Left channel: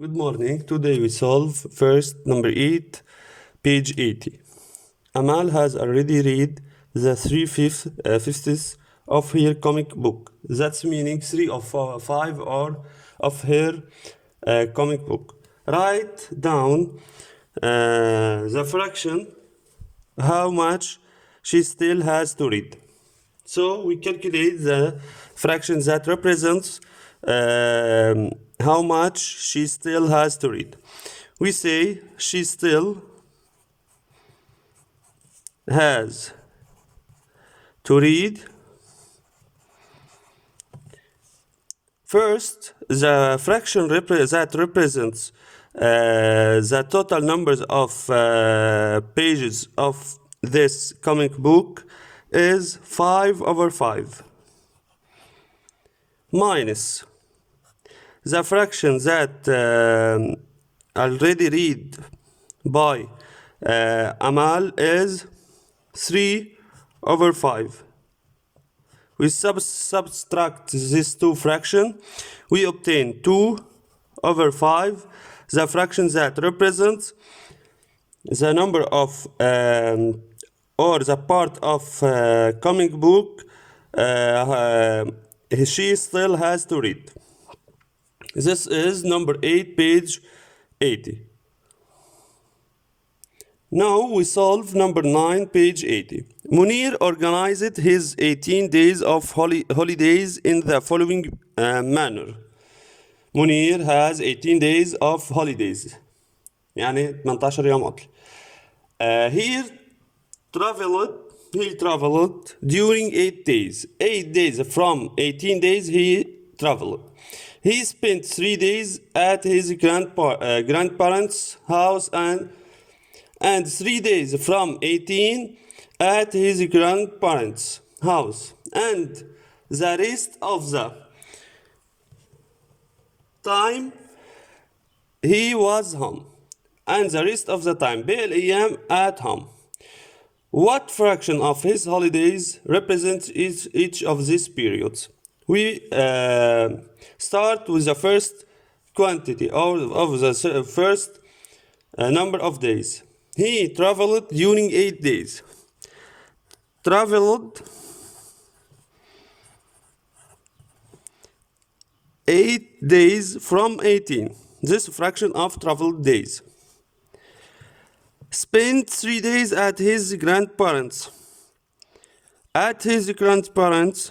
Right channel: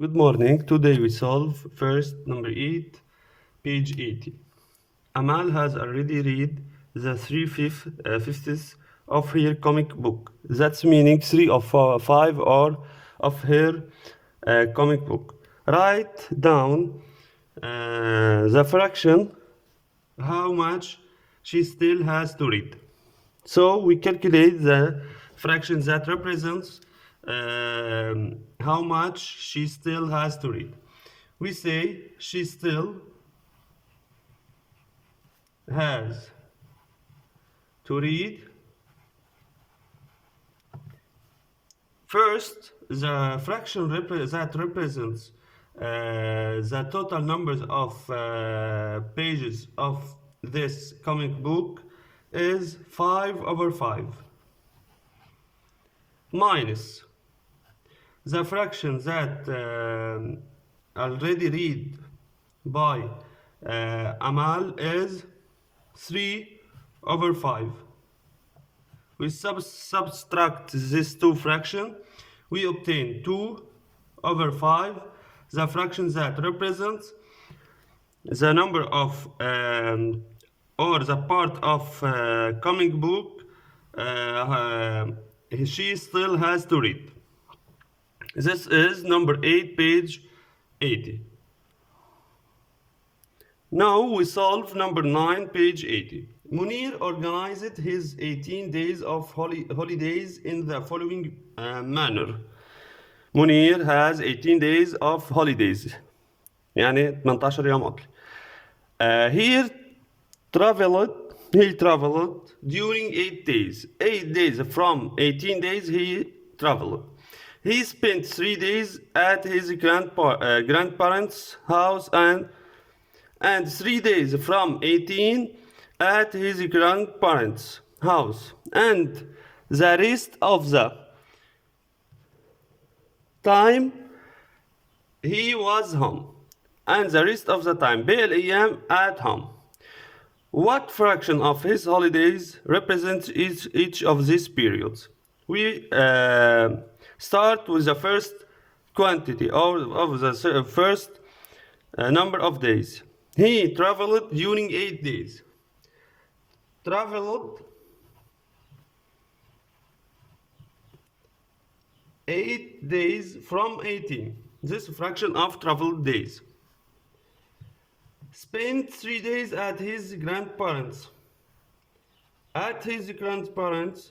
Good morning. Today we solve first number 8, page 80. Amal has already read the 3/5 of her comic book. That's meaning 3 of 5 or of her comic book. Write down the fraction, how much she still has to read. So we calculate the fraction that represents how much she still has to read. We say she still has to read. First, the fraction that represents the total numbers of pages of this comic book is 5/5 minus the fraction that already read by Amal is 3/5. We subtract these two fractions, we obtain 2/5, the fraction that represents the number of or the part of comic book she still has to read. This is number 8, page 80. Now we solve number 9, page 80. Munir organized his 18 days of holidays in the following manner. Munir has 18 days of holidays. يعني 18 يوم عطلة. He traveled during 8 days. 8 days from 18 days he traveled. He spent 3 days at his grandparents' house and 3 days from 18 at his grandparents' house. And the rest of the time he was home. And the rest of the time باقي الأيام at home. What fraction of his holidays represents each of these periods? We start with the first quantity or of the first number of days. He traveled during 8 days. Traveled 8 days from 18. This fraction of traveled days. Spent 3 days at his grandparents. At his grandparents'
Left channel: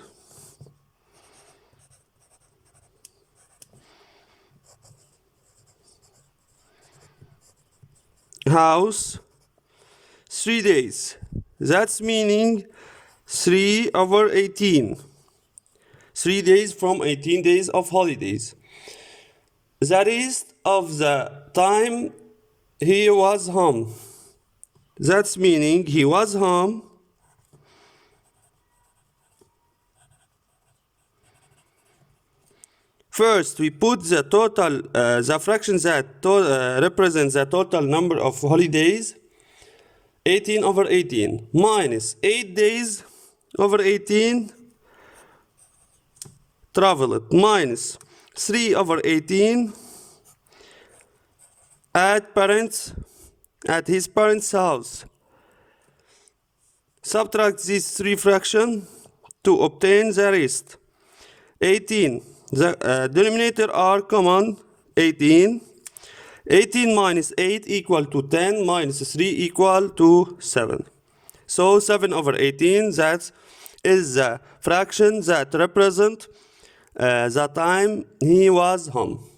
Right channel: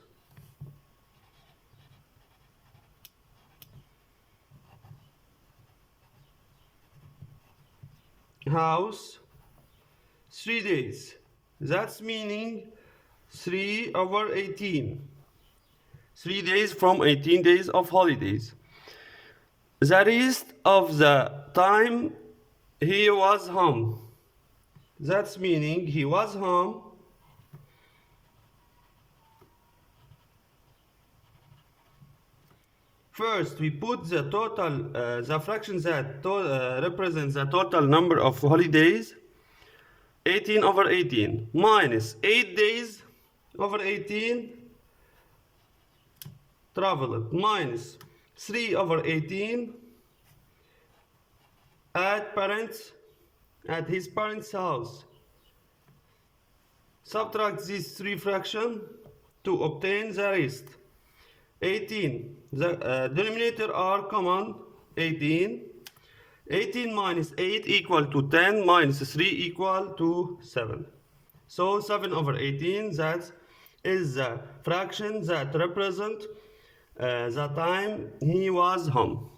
house 3 days. That's meaning 3/18. 3 days from 18 days of holidays. The rest of the time he was home. That's meaning he was home first. We put the total, the fraction that represents the total number of holidays, 18/18 minus 8 days over 18 traveled minus 3/18 at his parents' house. Subtract these three fractions to obtain the rest. 18. The denominator are common. 18. 18 minus 8 equal to 10 minus 3 equal to 7. So 7/18, that is the fraction that represents the time he was home.